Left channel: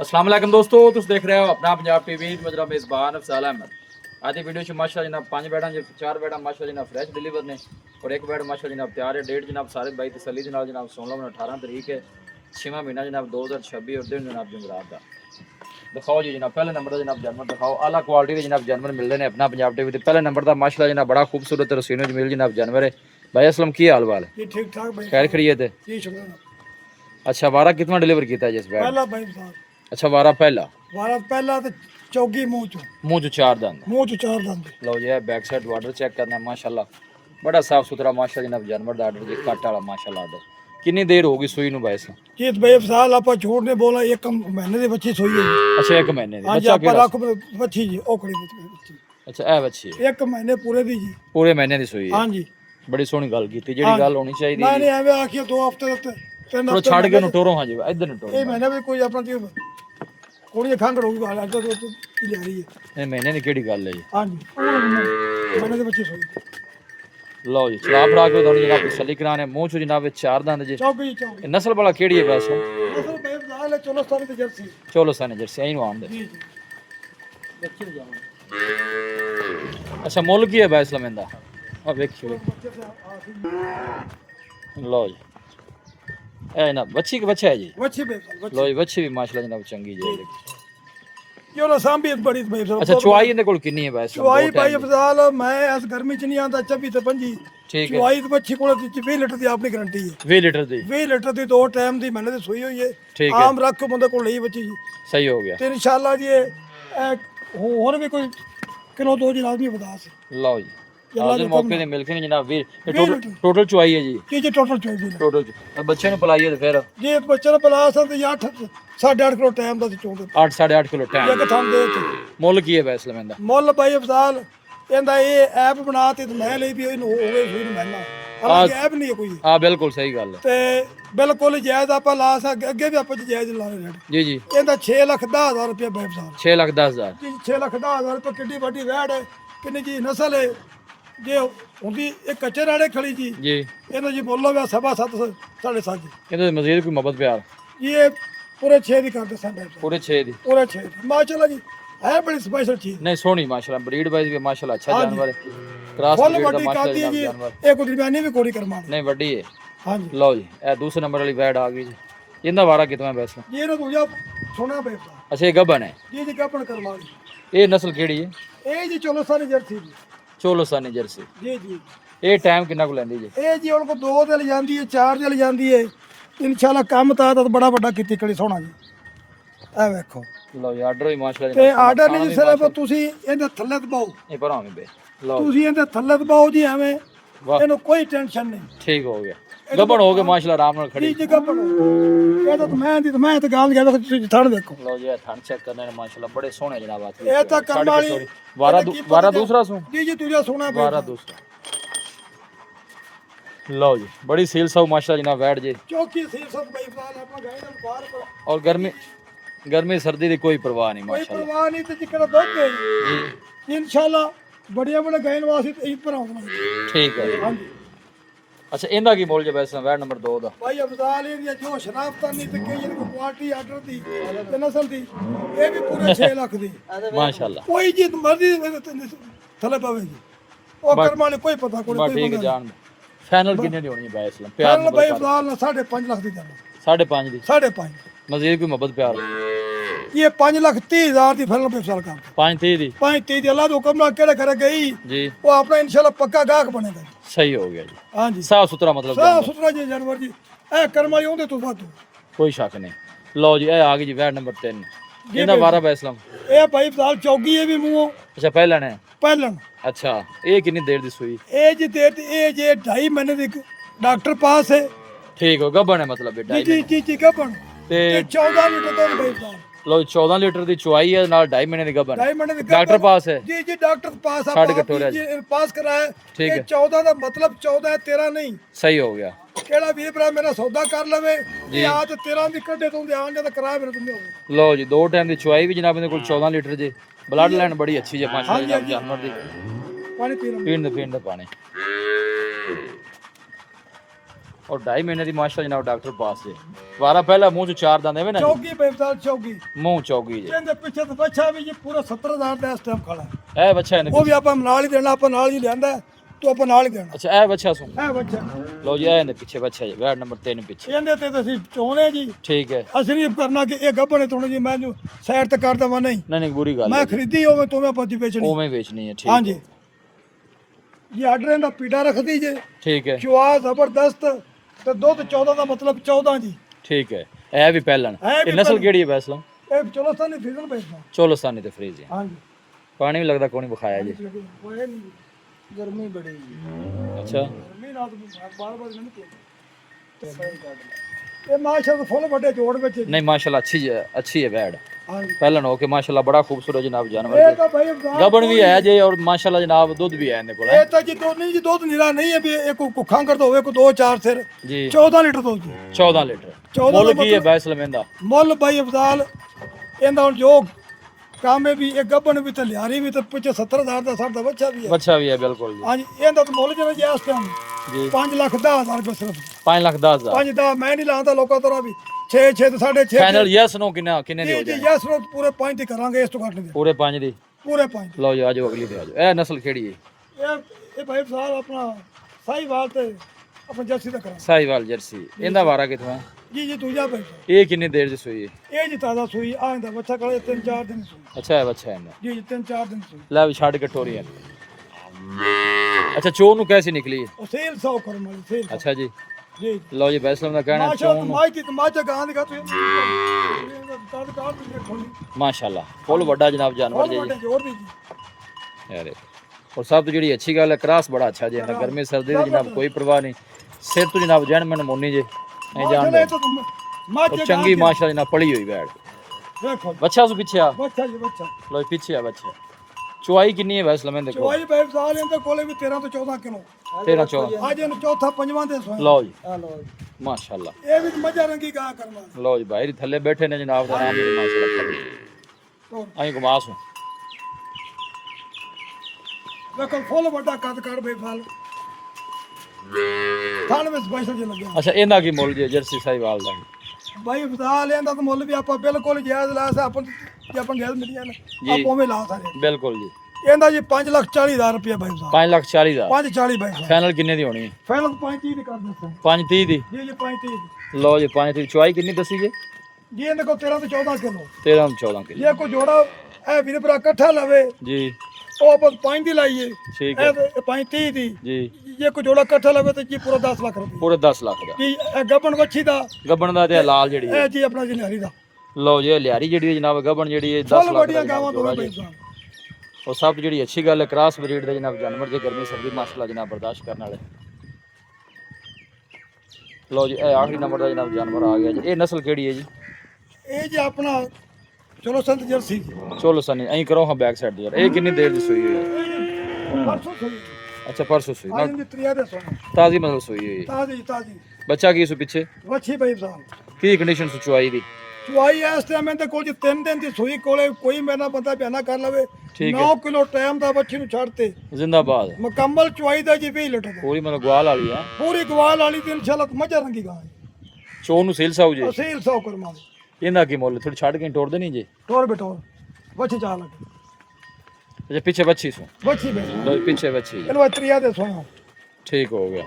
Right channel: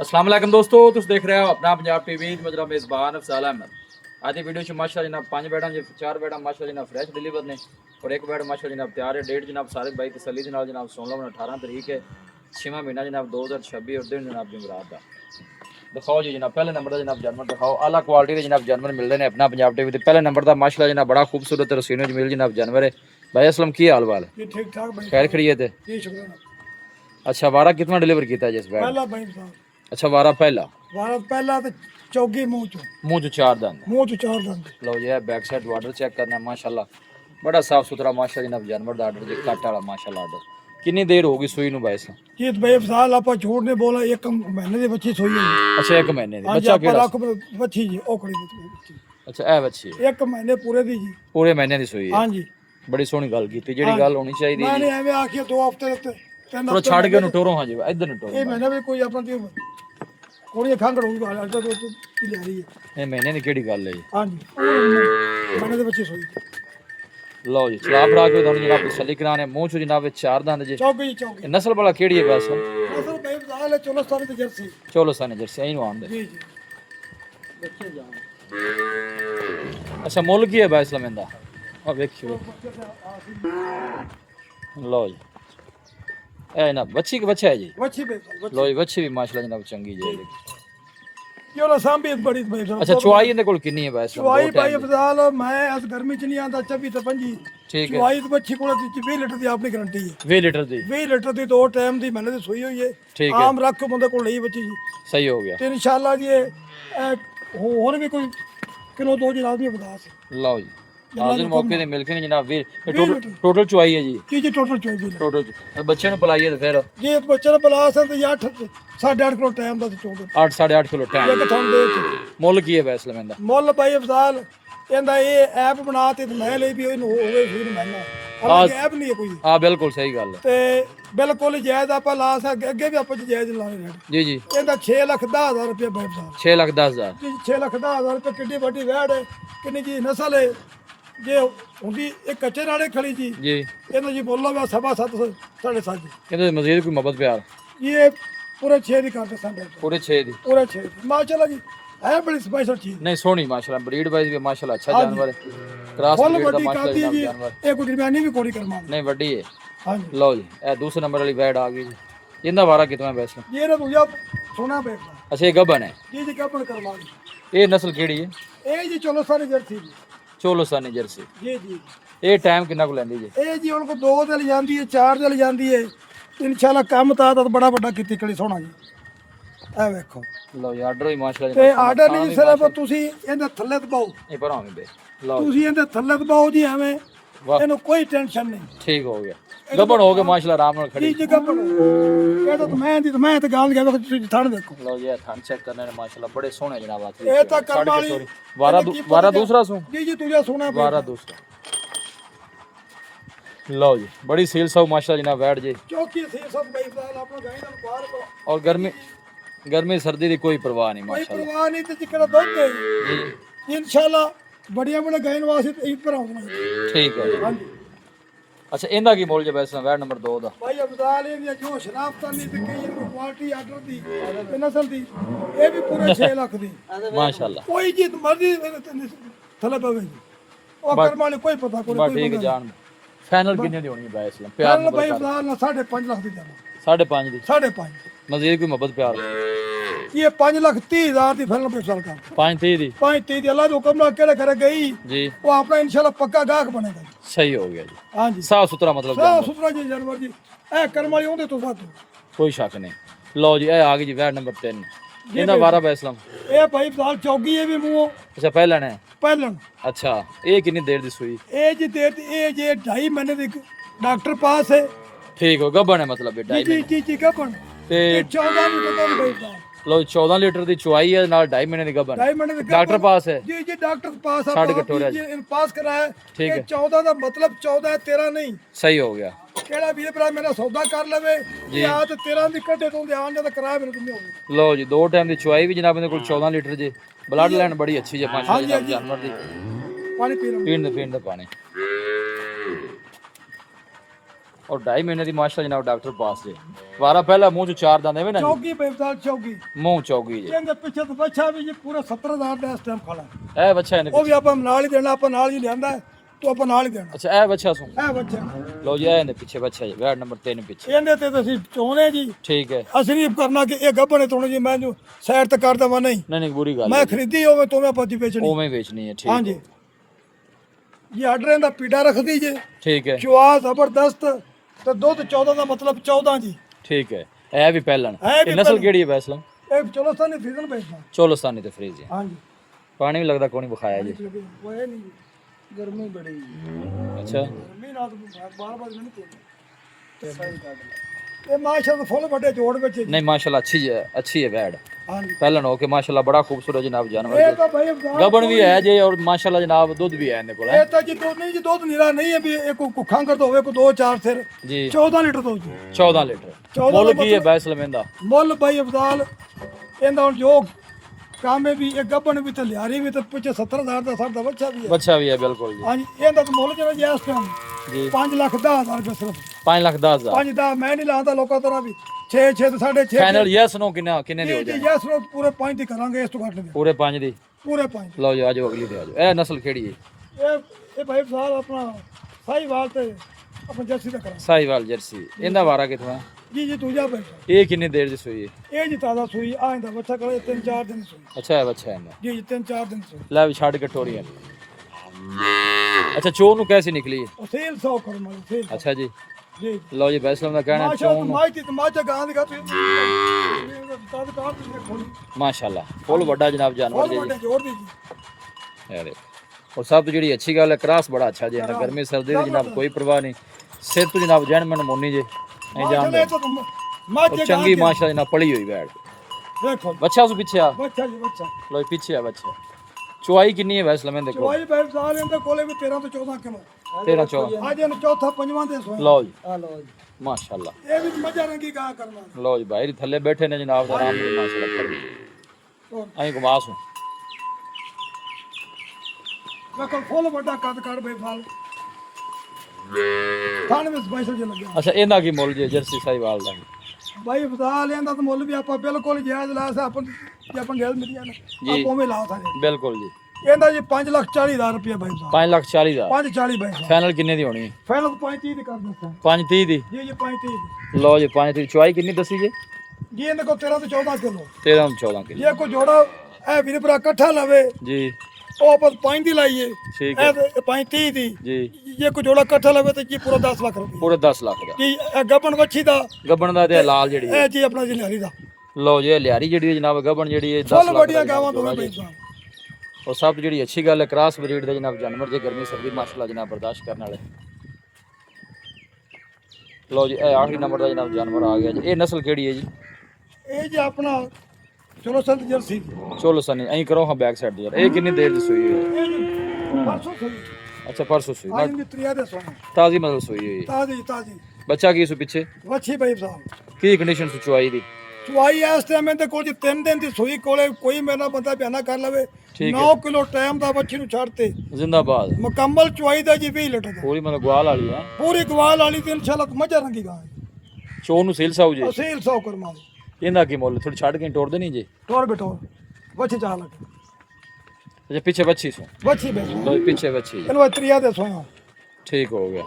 अस्सलाम वालेकुम दोस्तों, तुम देख रहे हो अपना पंजाब टीवी। मेरा मेज़बान अफसाल अहमद। आज की वीडियो माशाल्लाह जनाब 5 बैडा 4 बैडा माशाल्लाह जनाब फ्रेश डिलीवर ने और एक बैड माशाल्लाह जनाब तैयार है। डेट जनाब सारे भाई तसल्ली के नाल जनाब सुन लो। 18 तारीख है 6वां महीना जनाब 2026 और दिन जनाब जुमरात का। दिखाओ जी जनाब पहले नंबर का जनाब जानवर दिखाओ। आला क्वालिटी के जनाब जानवर मिलते हैं अपना पंजाब टीवी ते। पहले नंबर का माशाल्लाह जनाब बड़ा खूबसूरत रसीनो जमील जनाब जानवर है। भाई असलम की हाल वाल है? ठीक ठाक भाई। खैर खड़िए थे? अच्छा वारा कितना डिलीवर किया जिस बैड? पहला भाई साहब अच्छा वारा पहला तो चौकी मुंह चो चार दंद। चार दंद। लो जी बैक साइड वाटर चेक करना है माशाल्लाह बड़ा साफ सुथरा माशाल्लाह जनाब जानवर दा आर्डर जी कट वाला माशाल्लाह आर्डर। कितनी देर होगी सूई नु भाई साहब? जी भाई साल आप झूठ ने बोला 1 महीने दी बच्ची सोई है। अच्छा 1 महीने दी बच्चा केड़ा? बच्ची जी ओकड़ी बच्ची। अच्छा ए बच्ची 1 महीने पूरे दी जी। पूरे महीने दी सूई है। हां जी बड़ी सोहनी गल कीती जेड़ी गल होनी चाहिए जी। मैंने एवे आखियो 2 हफ्ते तक थोड़ा छाड़ के नु टोरो। हां जी इधर नु टोरो। ए महीने भी कोई अपना दी कोड़ी खंग होगी बाहर तो ले रही है। ए महीने दी केड़ी गल है जी? हां जी महीने दी बच्ची सोई। लो जी चला फड़ा के दोनों जनाब तसल्ली कराने। मुंह चो जनाब चार दंद जी। चौकी नस्ल वाला केड़ी है वैसे? नस्ल भाई साल है चोलोस्तानी की जर्सी। चोलोस्तानी जर्सी आई नु आंदे जी जी बच्चे जाओ। अच्छा मुल की है भाई इस्लाम इंदा? आ देखियो लो जी ए ना बच्ची के बच्चा है जी। बच्ची बेच लो जी बच्ची भी माशाल्लाह जनाब चंगी जी देखो। यो ना सांभी बड़ी भाई साहब। अच्छा चुआई इनदे कोल कितनी है भाई साहब? चुआई भाई अफजाल मैं इस गर्मी च नहीं आंदा 24 ते 25। ठीक है चुआई तो बच्ची कोल 20 लीटर दी अपनी गारंटी है। 20 लीटर दी 20 लीटर दी 2 टाइम दी मैंने तो सोई हुई है। ठीक है आम रख बंदे कोल नहीं बच्ची जी। सही हो गया। ते इंशाल्लाह जी और भी कोई किलो 2 जी लाजमी बता से। लो जी आज मौके ते मिल के जनाब 20 टोटल चुआई है जी। जी टोटल चुआई जी टोटल बच्चे नु पलाइए तो फिर जी बच्चे ने पला सन तो 8 8.5 किलो टाइम दा चोद 8 8.5 किलो टाइम एक थन दे ते मुੱਲ ਕੀ ਹੈ ਵੈਸੇ ਲੈਂਦਾ? ਮੁੱਲ ਭਾਈ ਅਫਜ਼ਾਲ ਇਹਦਾ ਇਹ ਐਪ ਬਣਾਤੀ ਤੇ ਮੈਂ ਲਈ ਵੀ ਇਹਨੂੰ ਹੋਵੇ ਸੂਈ ਨੂੰ ਮਹਿਨਾ ਹਾਲਾਂਕਿ ਐਪ ਨਹੀਂ ਹੈ ਕੋਈ। ਹਾਂ ਬਿਲਕੁਲ ਸਹੀ ਗੱਲ ਹੈ ਤੇ ਬਿਲਕੁਲ ਜਾਇਜ਼ ਆਪਾਂ ਲਾ ਸਕਦੇ ਅੱਗੇ ਵੀ ਆਪਾਂ ਜਾਇਜ਼ ਲਾ ਰਹੇ ਰੇਟ। ਜੀ ਜੀ ਇਹਦਾ 6,10,000 ਰੁਪਏ ਭਾਈ ਸਾਹਿਬ। 6,10,000 ਜੀ 6,10,000 ਰੁਪਏ ਕਿੰਨੀ ਵੱਡੀ ਵੈੜ ਹੈ ਕਿੰਨੀ ਜੀ ਨਸਲ ਹੈ ਜੇ ਹੁੰਦੀ ਇਹ ਕੱਚੇ ਰਾੜੇ ਖੜੀ ਜੀ ਜੀ ਇਹਦਾ ਜੀ ਬੋਲੋ ਵਾ 7.5 7.5 ਜੀ ਇਹਦੇ ਮਜ਼ੀਦ ਕੋਈ ਮੁਹੱਬਤ ਪਿਆਰ ਇਹ ਪੂਰੇ 6 ਦੀ ਕਰਦੇ ਸੰਡੇ ਪੂਰੇ 6 ਦੀ ਪੂਰੇ 6 ਮਾਸ਼ਾਅੱਲਾ ਜੀ ਹੈ ਬੜੀ ਸਪੈਸ਼ਲ ਚੀਜ਼। ਨਹੀਂ ਸੋਹਣੀ ਮਾਸ਼ਾਅੱਲਾ ਬਰੀਡ ਵਾਈਜ਼ ਵੀ ਮਾਸ਼ਾਅੱਲਾ अच्छा जानवर है क्रास ਫੁੱਲ ब्रीड का ਵੱਡੀ माशाल्लाह ਕਾਤੀ जनाब ਜੀ जानवर। ਇਹ ਕੋਈ ਦਰਮਿਆਨੀ ਵੀ ਕੋੜੀ ਕਰਮਾ नहीं ਵੱਡੀ है। ਹਾਂਜੀ लो जी ਇਹ दूसरे नंबर वाली वैड आ गई जी। ਇਹਦਾ ਵਾਰਾ ਕਿਤਨਾ ਵੈਸੇ? ਜੀ ਇਹਦਾ ਦੂਜਾ ਸੋਨਾ ਪੈਸਾ अच्छा ये गबन है। ਜੀ ਜੀ ਕਾਪਣ ਕਰਮਾ ਇਹ ਨਸਲ ਕਿਹੜੀ ਹੈ? ਇਹ ਜੀ ਚਲੋ ਸਾਰੇ ਜਰਸੀ ਜੀ। ਚੋਲੋਸਾਨੀ ਜਰਸੀ। ਜੀ ਜੀ ਇਹ ਟਾਈਮ ਕਿੰਨਾ ਕੁ ਲੈਂਦੀ ਜੀ? ਇਹ ਜੀ ਹੁਣ ਕੋ 2 ਦਿਨ ਜਾਂਦੀ ਹੈ 4 ਦਿਨ ਜਾਂਦੀ ਹੈ ਇਨਸ਼ਾਅੱਲਾ ਕੰਮ ਤਾਂ ਬੜਾ ਵੱਡਾ ਕੀਤੀ ਕਲੀ ਸੋਹਣਾ ਜੀ। ਇਹ ਵੇਖੋ ਲਓ ਜੀ ਆਰਡਰ ਵੀ ਮਾਸ਼ਾਅੱਲਾ ਤੇ ਆਰਡਰ ਨਹੀਂ ਸਿਰਫ ਤੁਸੀਂ ਇਹਦੇ ਥੱਲੇ ਦਬਾਓ। ਇਹ ਪਰ ਆਵੇਂ ਬੇ ਲਓ ਤੁਸੀਂ ਇਹਦੇ ਥੱਲੇ ਦਬਾਓ ਜੀ ਐਵੇਂ ਵਾਹ ਇਹਨੂੰ ਕੋਈ ਟੈਨਸ਼ਨ ਨਹੀਂ। ਠੀਕ ਹੋ ਗਿਆ ਗੱਬਣ ਹੋ ਗਿਆ ਮਾਸ਼ਾਅੱਲਾ ਆਰਾਮ ਨਾਲ ਖੜੀ। ਜੀ ਗੱਬਣ ਇਹ ਤਾਂ ਮੈਂ ਤਾਂ ਗੱਲ ਜਾਂਦਾ ਤੁਸੀਂ ਥਣ ਦੇਖੋ। ਲਓ ਜੀ ਇਹ ਥਣ ਚੈੱਕ ਕਰਨੇ ਨੇ ਮਾਸ਼ਾਅੱਲਾ ਬੜੇ ਸੋਹਣੇ ਜਨਾਬ ਆ। ਇਹ ਤਾਂ ਕਰਨ ਵਾਲੀ ਵਾਰਾ ਦੂਸਰਾ ਸੂ ਜੀ ਜੀ ਦੂਜਾ ਸੋਹਣਾ ਵਾਰਾ ਦੂਸਰਾ। ਲਓ ਜੀ ਬੜੀ ਸੇਲ ਸਾਊ ਮਾਸ਼ਾਅੱਲਾ ਜਨਾਬ ਵੈੜ ਜੀ। ਚੌਕੀ ਸੀ ਸਭ ਬਈ ਸਾਲ ਆਪਣਾ ਗਾਈ ਦਾ ਵਪਾਰ और गर्मी सर्दी की कोई परवाह नहीं कोई माशाल्लाह परवाह नहीं ते जिक्र दुध है जी इंशाल्लाह बढ़िया बड़े गायन वास्ते ते पर आउणा। ठीक है हां जी अच्छा इंदा की मोल जे वैसे वैड नंबर 2 दा भाई अब्दाल ये जो शराफतानी ते कई क्वालिटी आर्डर दी ते नस्ल दी ये भी पूरे 6 लाख दी माशाल्लाह कोई जी मर्जी थले पावेगी ओ कर्म वाले कोई पता कोई बस ठीक जान फाइनल कितने दी होनी है भाई इस्लाम प्यार भाई भाई अब्दाल 5.5 लाख दी जाना 5.5 दी 5.5 मजीद कोई मोहब्बत प्यार ये 5,30,000 दी फाइनल पे साल कर 5.30 दी 5.30 दी अल्लाह जो हुक्म ना करे करे गई जी वो अपना इंशाल्लाह पक्का गाहक बनेगा। सही हो गया जी। हां जी साफ सुथरा मतलब साफ जानवर सुथरा जी जानवर जी ए कर्म वाली ओंदे तो वाद कोई शक नहीं। लो जी ए आ गई जी वैड नंबर 3 इंदा वारा भाई इस्लाम ए भाई साल चौकी ये भी मुंह अच्छा पहला ने पहलन अच्छा ये कितनी देर दी सुई? ए जी देर ए जे 2.5 महीने दी डॉक्टर पास है। ठीक हो गबन है मतलब ये 2.5 जी जी कपन ते 14 लीटर का भाई साल लो 14 लीटर दी चुआई है नाल 2.5 महीने दी गबन 2.5 महीने दी डॉक्टर पास है जी जी डॉक्टर पास साढ़े कटोरा जी। जी पास कराया ठीक है 14 ਦਾ मतलब 14 है 13 नहीं सही हो गया। ਕਿਹੜਾ ਵੀਰ ਭਰਾ ਮੇਰਾ ਸੌਦਾ ਕਰ ਲਵੇ ਜੀ ਆ ਤੇ 13 ਦੀ ਕੱਢੇ ਤੋਂ ਆਣ ਜਾਂ ਕਿਰਾਇਆ ਮੇਰੇ ਤੁਮੇ ਹੋਵੇ। लो जी 2 टाइम दी चुआई भी जनाब इनदे कोल 14 लीटर जी ब्लड लाइन बड़ी अच्छी है माशाल्लाह जनाब जानवर दी ਪਾਣੀ ਪੀ ਲਓ पीण दे पानी और 2.5 महीने ਦੀ ਮਾਸ਼ਾਅੱਲਾ ਜਨਾਬ ਡਾਕਟਰ ਪਾਸ ਜੇ ਵਾਰਾ ਪਹਿਲਾ ਮੂੰਹ ਚ 4 ਦੰਦ ਐਵੇਂ ਨਾ ਜੀ? ਚੌਗੀ ਬੇਬਸਾਲ ਚੌਗੀ ਮੂੰਹ ਚੌਗੀ ਜੇ ਇਹਦੇ ਪਿੱਛੇ ਤਾਂ ਬੱਚਾ ਵੀ ਜੀ ਪੂਰਾ 70000 ਦਾ ਇਸ ਟਾਈਮ ਖੜਾ ਹੈ। ਇਹ ਬੱਚਾ ਇਹਨੇ ਉਹ ਵੀ ਆਪਾਂ ਨਾਲ ਹੀ ਦੇਣਾ, ਆਪਾਂ ਨਾਲ ਹੀ ਲਿਆਂਦਾ ਤੂੰ ਆਪਾਂ ਨਾਲ ਹੀ ਦੇਣਾ। ਅੱਛਾ ਇਹ ਬੱਚਾ ਸੁਣ ਇਹ ਬੱਚਾ ਲਓ ਜੀ ਇਹ ਇਹਦੇ ਪਿੱਛੇ ਬੱਚਾ ਜੀ ਵੈਡ ਨੰਬਰ 3 ਪਿੱਛੇ ਇਹਦੇ ਤੇ ਤਾਂ ਅਸੀਂ ਚਾਹੁੰਦੇ ਜੀ, ਠੀਕ ਹੈ। ਅਸੀਂ ਨਹੀਂ ਕਰਨਾ ਕਿ ਇਹ ਗੱਭਣੇ ਤੋਂ ਜੀ ਮੈਂ ਜੋ ਸਾਈਡ ਤੇ ਕਰ ਦਵਾਂ, ਨਹੀਂ ਨਹੀਂ ਬੁਰੀ ਗੱਲ ਮੈਂ ਖਰੀਦੀ ਹੋਵੇ ਤੋਂ ਮੈਂ ਪੱਜੀ ਵੇਚਣੀ। ਉਵੇਂ ਵੇਚਣੀ ਹੈ ਠੀਕ ਹਾਂਜੀ ਜੀ ਆਰਡਰ ਇਹਦਾ ਪੀੜਾ ਰੱਖਦੀ ਜੇ, ਠੀਕ ਹੈ ਚੁਆ ਜ਼ਬਰਦਸਤ ਤੇ ਦੁੱਧ 14 ਦਾ ਮਤਲਬ 14 ਜੀ। ਠੀਕ ਹੈ। ਇਹ ਵੀ ਪਹਿਲਣ ਇਹ ਵੀ ਇਹ ਨਸਲ ਕਿਹੜੀ ਹੈ ਵੈਸਲਾ? ਇਹ ਚਲੋ ਸਾਨੂੰ ਫੀਜ਼ਨ ਭੇਜਣਾ। ਚੋਲਸਤਾਨੀ ਤੇ ਫਰੀਜ਼ ਹੈ। ਹਾਂਜੀ ਪਾਣੀ ਵੀ ਲੱਗਦਾ ਕੋਈ ਨਹੀਂ ਵਿਖਾਇਆ ਜੀ। ਉਹ ਇਹ ਨਹੀਂ ਗਰਮੀ ਬੜੀ ਅੱਛਾ ਗਰਮੀ ਰਾਤ ਨੂੰ ਬਾਰ ਬਾਰ ਨਹੀਂ ਤੇ ਸਹੀ ਗੱਲ ਇਹ ਮਾਸ਼ਾਅੱਲਾ ਫੁੱਲ ਵੱਡੇ ਜੋੜ ਵਿੱਚ ਜੀ। नहीं माशाल्लाह अच्छी है वैड ਹਾਂਜੀ पहलन हो के माशाल्लाह बड़ा खूबसूरत जनाब जानवर ਇਹ है। ਤਾਂ ਭਾਈ ਅਫਗਾਨ गबन भी है जे और माशाल्लाह जनाब दूध भी है इनके कोल ਇਹ ਤਾਂ ਜੀ ਦੁੱਧ ਨਹੀਂ ਜੀ, ਦੁੱਧ ਨਿਰਾ ਨਹੀਂ ਹੈ ਵੀ ਇਹ ਕੋਈ ਖੰਗਰ ਤੋਂ ਹੋਵੇ ਕੋਈ 2-4 ਸਿਰ जी 14 ਲੀਟਰ ਦੁੱਧ ਜੀ। 14 लीटर 14 ਮੁੱਲ ਦਾ ਕੀ ਹੈ ਬੈਸਲ ਮਹਿੰਦਾ? ਮੁੱਲ ਭਾਈ ਅਫਜ਼ਾਲ ਇਹਦਾ ਹੁਣ ਜੋ ਕੰਮ ਹੈ ਵੀ ਇਹ ਗੱਭਣ ਵੀ ਤੇ ਲਿਆਰੀ ਵੀ ਤੇ ਪਿੱਛੇ 70000 ਦਾ ਸਾਡਾ ਬੱਚਾ ਵੀ ਹੈ। ਬੱਚਾ ਵੀ ਹੈ ਬਿਲਕੁਲ ਜੀ ਹਾਂਜੀ ਇਹਦਾ ਤਾਂ ਮੁੱਲ ਜਿਹੜਾ ਜੀ ਇਸ ਟਾਈਮ ਜੀ 5,10,000 ਰੁਪਏ ਸਿਰਫ। 5,10,000 5 ਦਾ ਮੈਂ ਨਹੀਂ ਲਾਉਂਦਾ ਲੋਕਾਂ ਤਰ੍ਹਾਂ ਵੀ 6 6 ਤੇ 6.5 ਫਾਈਨਲ ਯੈਸ ਨੋ ਕਿੰਨੇ ਦੀ ਹੋ ਜੀ ਜਾਏ? ਯੈਸ ਰੋ ਪੂਰੇ 5 ਦੀ ਕਰਾਂਗੇ, ਇਸ ਤੋਂ ਘੱਟ ਨਹੀਂ ਪੂਰੇ 5 ਦੀ ਪੂਰੇ 5 ਲਓ ਜੀ ਆਜੋ ਅਗਲੀ ਤੇ ਆਜੋ। ਇਹ ਨਸਲ ਕਿਹੜੀ ਹੈ? ਇਹ ਭਾਈ ਸਾਹਿਬ ਆਪਣਾ ਸਾਹੀਵਾਲ ਤੇ ਆਪਣਾ ਜਰਸੀ ਦਾ ਕਰਾਂ ਸਾਹੀਵਾਲ ਜਰਸੀ। ਇਹਦਾ ਵਾਰਾ ਕਿਥੋਂ ਹੈ? ਜੀ ਜੀ ਦੂਜਾ ਭਾਈ ਇਹ ਕਿੰਨੀ ਦੇਰ ਦੀ ਸੂਈ ਹੈ? ਇਹ ਜੀ ਤਾਜ਼ਾ ਸੂਈ ਆਂਦਾ ਬੱਚਾ ਕੋਲੇ 3-4 ਦਿਨ ਸੂਈ ਅੱਛਾ ਹੈ ਬੱਚਾ ਇਹਦਾ। ਜੀ ਜੀ 3-4 ਦਿਨ ਸੂਈ ਲੈ ਵੀ ਛੱਡ ਕੇ ਟੋਰੀਆਂ ਅੱਛਾ ਚੋਰ ਨੂੰ ਕੈਸੀ ਨਿਕਲੀ? ਉਹ ਸੇਲ 100 ਕਰਮ ਵਾਲੀ ਸੇਲ ਅੱਛਾ ਜੀ ਜੀ ਲਓ ਜੀ ਬੈਸਲਮ ਦਾ ਕਹਿਣਾ ਚੋਰ ਨੂੰ ਮਾਈ ਕੀ ਮਾਚਾ ਗਾਂ ਦੀ ਗਾ ਤੂੰ ਕਾਦ ਕਾਦ ਥੋੜੀ ਮਾਸ਼ਾਅੱਲਾ ਫੁੱਲ ਵੱਡਾ ਜਨਾਬ ਜਾਨਵਰ ਜੀ ਵੱਡੇ ਜੋਰ ਦੀ ਜੀ। ਯਾਰ और सब तो जी अच्छी गल है क्रास बड़ा अच्छा जी गर्मी सर्दी की जनाब कोई परवाह नहीं सिर तो जनाब जैन मैंने मोनी जी नहीं जानते और चंगी माशा जनाब पड़ी हुई बैठ देखो बच्चा सु पीछे आ ਬੱਚਾ ਜੀ ਬੱਚਾ लो पीछे आ बच्चा चुवाई कितनी है वैसे लमें देखो ਚਵਾਈ ਭਾਈ ਸਾਲ ਇਹਦੇ ਕੋਲੇ ਵੀ 13 ਤੋਂ 14 ਕਿਲੋ 13 14 ਅੱਜ ਇਹਨੂੰ ਚੌਥਾ ਪੰਜਵਾਂ ਦੇ ਸੋਇਆ लो जी ਆ ਲਓ ਜੀ माशाल्लाह ਇਹ ਵੀ ਮੱਝਾ ਰੰਗੀ ਗਾਂ ਕਰਵਾ लो जी भाई थल्ले बैठे ने जनाब आराम से माशाल्लाह खड़े आई घुमा सु ਦੇਖੋ ਫੁੱਲ ਵੱਡਾ ਕੱਦ ਕਰ ਬੇ ਫਲ ਥਾਣੇ ਵਿੱਚ ਪੈਸੇ ਜੇ ਲੱਗਿਆ अच्छा इनका की मुल जी जर्सी साहिवाल दा ਭਾਈ ਬਤਾ ਲਿਆਂਦਾ ਤਾਂ ਮੁੱਲ ਵੀ ਆਪਾਂ ਬਿਲਕੁਲ ਜਾਇਜ਼ ਲਾ ਸਾ ਆਪਾਂ ਜੇ ਆਪਾਂ ਗੈਸ ਮਿਲੀਆਂ ਨਾ ਜੀ। ਆਪਾਂ ਉਵੇਂ ਲਾ ਸਾਰੇ बिल्कुल जी ਇਹਦਾ ਜੀ 5,40,000 ਰੁਪਏ ਭਾਈ ਸਾਹਿਬ 5,40,000 540 ਭਾਈ ਸਾਹਿਬ फाइनल किन्ने दी होनी है? ਫਾਈਨਲ 35 ਦੀ ਕਰ ਦਿੱਤਾ 530 दी ਜੀ ਜੀ 35 ਦੀ लो जी 530 चुवाई कितनी दसी जी? ਜੀ ਇਹਦੇ ਕੋਲ 13 ਤੋਂ 14 ਕਿਲੋ 13 14 किलो ਜੇ ਕੋਈ ਜੋੜਾ ਇਹ ਵੀਰੇ ਭਰਾ ਇਕੱਠਾ ਲਵੇ जी ਉਹ ਆਪਾਂ 5 ਦੀ ਲਾਈਏ ठीक है ਇਹ 35 ਦੀ जी ਜੇ ਕੋਈ ਜੋੜਾ ਇਕੱਠਾ ਲਵੇ ਤੇ ਜੀ ਪੂਰਾ 10 ਲੱਖ ਰੁਪਏ पूरे 10 लाख ਦਾ ਜੀ ਇਹ ਗੱਬਣ ਵੱਛੀ ਦਾ ਗੱਬਣ ਦਾ ਤੇ ਲਾਲ ਜਿਹੜੀ ਹੈ ਇਹ ਜੀ ਆਪਣਾ ਜ਼ਿਲ੍ਹਾਰੀ ਦਾ ਲਓ ਜੀ ਲਿਆਰੀ ਜਿਹੜੀ ਹੈ ਜਨਾਬ ਗੱਬਣ ਜਿਹੜੀ ਹੈ 10 ਫੁੱਲ ਲੱਖ ਦਾ ਵੱਡੀਆਂ ਗਾਵਾਂ ਜਨਾਬ ਤੋਂ ਜੋੜਾ ਭਾਈ ਜੀ ਸਾਹਿਬ ਉਹ ਸਭ ਤੋਂ ਜਿਹੜੀ ਅੱਛੀ ਗੱਲ ਹੈ ਕ੍ਰਾਸ ਬਰੀਡ ਦਾ ਜਨਾਬ ਜਾਨਵਰ ਜੇ ਗਰਮੀ ਸਰਦੀ ਮਾਸ਼ਾਅੱਲਾ ਜਨਾਬ ਬਰਦਾਸ਼ਤ ਕਰਨ ਵਾਲੇ ਲਓ ਜੀ ਇਹ ਆਖਰੀ ਨੰਬਰ ਦਾ ਜਨਾਬ ਜਾਨਵਰ ਆ ਗਿਆ ਜੀ ਇਹ ਨਸਲ ਕਿਹੜੀ ਹੈ ਜੀ? ਇਹ ਜੀ ਆਪਣਾ ਚਲੋ ਸੰਤ ਜਰਸੀ ਚਲੋ ਸਨੀ ਐਂ ਕਰੋ ਹਾਂ ਬੈਕ ਸਾਈਡ ਦੀ ਯਾਰ ਇਹ ਕਿੰਨੀ ਦੇਰ ਦੀ ਸੂਈ ਹੋਈ ਹੈ? ਇਹ ਜੀ ਪਰਸੋਂ ਸੋਈ ਅੱਛਾ ਪਰਸੋਂ ਸੂਈ ਅੱਜ ਦੀ ਤਰੀਆ ਦੇ ਸੋਣਾ ਤਾਜ਼ੀ ਮਤਲਬ ਸੂਈ ਹੋਈ ਹੈ ਤਾਜ਼ੀ ਤਾਜ਼ੀ ਬੱਚਾ ਕੀ ਸੂ ਪਿੱਛੇ ਵੱਛੀ ਭਾਈ ਸਾਹਿਬ ਕੀ ਕੰਡੀਸ਼ਨ ਸੁ ਚੁਆਈ ਦੀ? ਚੁਆਈ ਇਸ ਟਾਈਮ ਇਹਦੇ ਕੋਲ ਜੀ 3 ਦਿਨ ਦੀ ਸੂਈ ਕੋਲੇ ਕੋਈ ਮੇਰੇ ਨਾਲ ਬੰਦਾ ਬਿਆਨਾ ਕਰ ਲਵੇ ਠੀਕ ਹੈ 9 ਕਿਲੋ ਟਾਈਮ ਦਾ ਬੱਚੀ ਨੂੰ ਛੱਡਤੇ ਜ਼ਿੰਦਾਬਾਦ ਮੁਕੰਮਲ ਚੁਆਈ ਦਾ ਜੀ 20 ਲੀਟਰ ਦਾ ਪੂਰੀ ਮਤਲਬ ਗਵਾਲ ਵਾਲੀ ਹੈ ਪੂਰੀ ਗਵਾਲ ਵਾਲੀ ਤੇ ਇਨਸ਼ਾਅੱਲਾ ਮੱਝਾ ਰੰਗੀ ਗਾਂ ਚੋਰ ਨੂੰ ਸੇਲ ਸਾਊ ਜੀ ਅਸੀਲ 100 ਕਰਮਾ ਇਹਦਾ ਕੀ ਮੁੱਲ ਥੋੜੀ ਛੱਡ ਕੇ ਟੋੜ ਦੇਣੀ ਜੀ ਟੋਰ ਬਟੋਰ ਵੱਛੀ ਚਾਹ ਲੱਗੇ अच्छा पीछे बच्ची सो ਵੱਛੀ ਬੈ लो पीछे बच्ची है। ਇਹਨੂੰ ਤਰੀਆ ਦੇ ਸੋਣਾ ठीक हो गया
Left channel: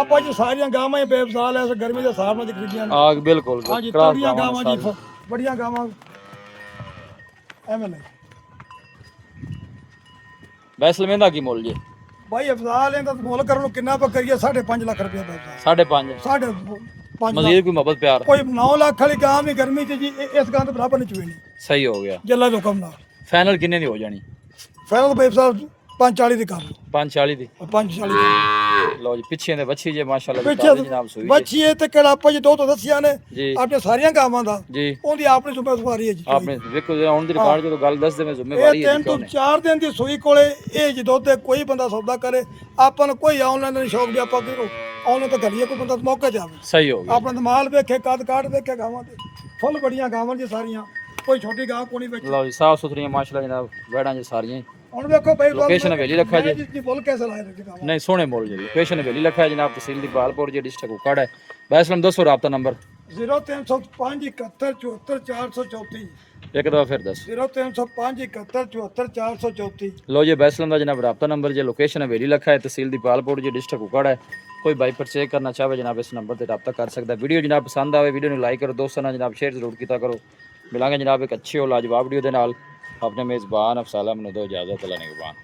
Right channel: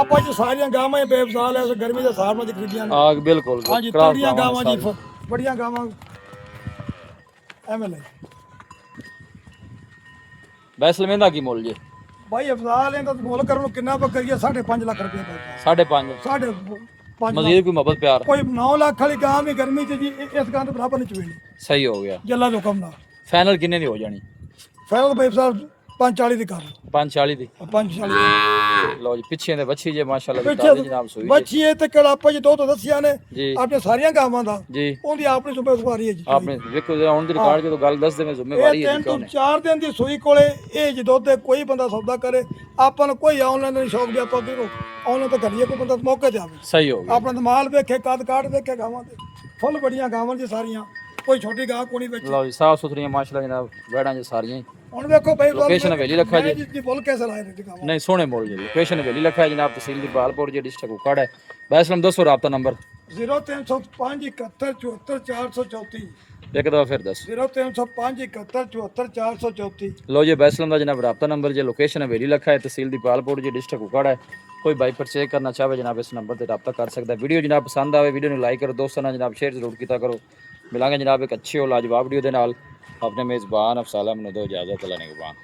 ਆਪਾਂ ਜੀ ਸਾਰੀਆਂ ਗਾਵਾਂ ਹੀ ਬੇਵਜ਼ਾਲ ਐ ਗਰਮੀ ਦੇ ਹਿਸਾਬ ਨਾਲ ਖਰੀਦੀਆਂ ਨੇ आग बिल्कुल ਹਾਂਜੀ क्रॉस ਤਰੀਆਂ गावां ਗਾਵਾਂ ਜੀ सारी ਬੜੀਆਂ ਗਾਵਾਂ ਐਵੇਂ ਲੈ वैसल में की मुल जी ਭਾਈ ਅਫਜ਼ਾਲ ਇਹਦਾ ਮੁੱਲ ਕਰਨ ਨੂੰ ਕਿੰਨਾ ਪਾ ਕਰੀਏ 5.5 ਲੱਖ ਰੁਪਏ ਦਾ 5.5 ਸਾਢੇ 5 मजीद कोई मोहब्बत प्यार ਕੋਈ 9 ਲੱਖ ਵਾਲੀ ਗਾਂ ਵੀ ਗਰਮੀ ਚ ਜੀ ਇਸ ਗਾਂ ਤੋਂ ਬਰਾਬਰ ਨਹੀਂ ਚੁਵੇਣੀ सही हो गया ਜੱਲਾ ਦਾ ਕੰਮ ਨਾਲ फाइनल किन्ने दी हो जानी ਫਾਈਨਲ ਭਾਈ ਸਾਹਿਬ 540 ਦੀ ਕਰ 540 दी 540 ਦੀ लो जी पीछे ने बच्ची जे माशाल्लाह जी ਪਿੱਛੇ ताजी जनाब सुई जी ਬੱਚੀ ਇਹ ਤੇ ਕਿਹੜਾ ਆਪਾਂ ਜੀ ਦੋ ਤੋਂ ਦੱਸਿਆ ਨੇ जी ਆਪਣੇ ਸਾਰੀਆਂ ਗਾਵਾਂ ਦਾ जी ਉਹਦੀ ਆਪਣੀ ਜ਼ਿੰਮੇਵਾਰੀ ਹੈ ਜੀ आपने देखो जरा ऑन द रिकॉर्ड जो गल दस दे में जिम्मेवारी है जी क्यों ने 4 ਦਿਨ ਦੀ ਸੂਈ ਕੋਲੇ ਇਹ ਜੀ ਦੁੱਧ ਦੇ ਕੋਈ ਬੰਦਾ ਸੌਦਾ ਕਰੇ ਆਪਾਂ ਨੂੰ ਕੋਈ ਆਨਲਾਈਨ ਨਹੀਂ ਸ਼ੌਕ ਵੀ ਆਪਾਂ ਕਿਉਂ ਆਨਲਾਈਨ ਤਾਂ ਕਰੀਏ ਕੋਈ ਬੰਦਾ ਮੌਕੇ ਤੇ ਆਵੇ सही हो गया ਆਪਣਾ ਮਾਲ ਵੇਖੇ ਕਦ ਕਾਟ ਵੇਖੇ ਗਾਵਾਂ ਤੇ ਫੁੱਲ ਬੜੀਆਂ ਗਾਵਾਂ ਜੀ ਸਾਰੀਆਂ ਕੋਈ ਛੋਟੀ ਗਾਂ ਕੋਣੀ ਵਿੱਚ। ਲਓ ਜੀ ਸਾਫ ਸੁਥਰੀਆਂ ਮਾਸ਼ਾਅੱਲਾ ਜਨਾਬ ਵੈੜਾਂ ਜੀ ਸਾਰੀਆਂ ਹੀ। ਹੁਣ ਵੇਖੋ ਭਾਈ ਲੋਕੇਸ਼ਨ ਹਵੇਲੀ ਲੱਖਾ ਜੀ। ਜੀ ਬੋਲ ਕੈਸਾ ਲਾਇਆ ਜੀ ਗਾਂ। ਨਹੀਂ ਸੋਹਣੇ ਮੁੱਲ ਜੀ। ਲੋਕੇਸ਼ਨ ਹਵੇਲੀ ਲੱਖਾ ਹੈ ਜਨਾਬ, ਤਹਿਸੀਲ ਦੀ ਪਾਲਪੁਰ ਜੀ, ਡਿਸਟ੍ਰਿਕਟ ਕੁਕਾੜ ਹੈ। ਵੈਸਲਮ ਦੱਸੋ ਰਾਬਤਾ ਨੰਬਰ। 0305 71 74 434। ਇੱਕ ਦਫਾ ਫਿਰ ਦੱਸ। 0305 71 74 434। ਲਓ ਜੀ ਵੈਸਲਮ ਦਾ ਜਨਾਬ ਰਾਬਤਾ ਨੰਬਰ ਜੀ। ਲੋਕੇਸ਼ਨ ਹਵੇਲੀ ਲੱਖਾ ਹੈ, ਤਹਿਸੀਲ ਦੀ ਪਾਲਪੁਰ ਜੀ, ਡਿਸਟ੍ਰਿਕਟ ਕੁਕਾੜ ਹੈ। ਕੋਈ ਬਾਈ ਪਰਚੇਜ ਕਰਨਾ ਚਾਹਵੇ ਜਨਾਬ ਇਸ ਨੰਬਰ ਤੇ ਰਾਬਤਾ ਕਰ ਸਕਦਾ। ਵੀਡੀਓ ਜਨਾਬ ਪਸੰਦ ਆਵੇ ਵੀਡੀਓ ਨੂੰ ਲਾਈਕ ਕਰੋ, ਦੋਸਤਾਂ ਨਾਲ ਜਨਾਬ ਸ਼ੇਅਰ ਜ਼ਰੂਰ ਕੀਤਾ ਕਰੋ। ਮਿਲਾਂਗੇ ਜਨਾਬ ਇੱਕ ਅੱਛੀ और लाजवाब वीडियो ਦੇ ਨਾਲ। ਆਪਣੇ ਮੇਜ਼ਬਾਨ ਅਫਸਾਲ ਅਹਿਮਦ ਨੂੰ ਦਿਓ ਇਜਾਜ਼ਤ। ਅੱਲਾ ਨਿਗਹਿਬਾਨ।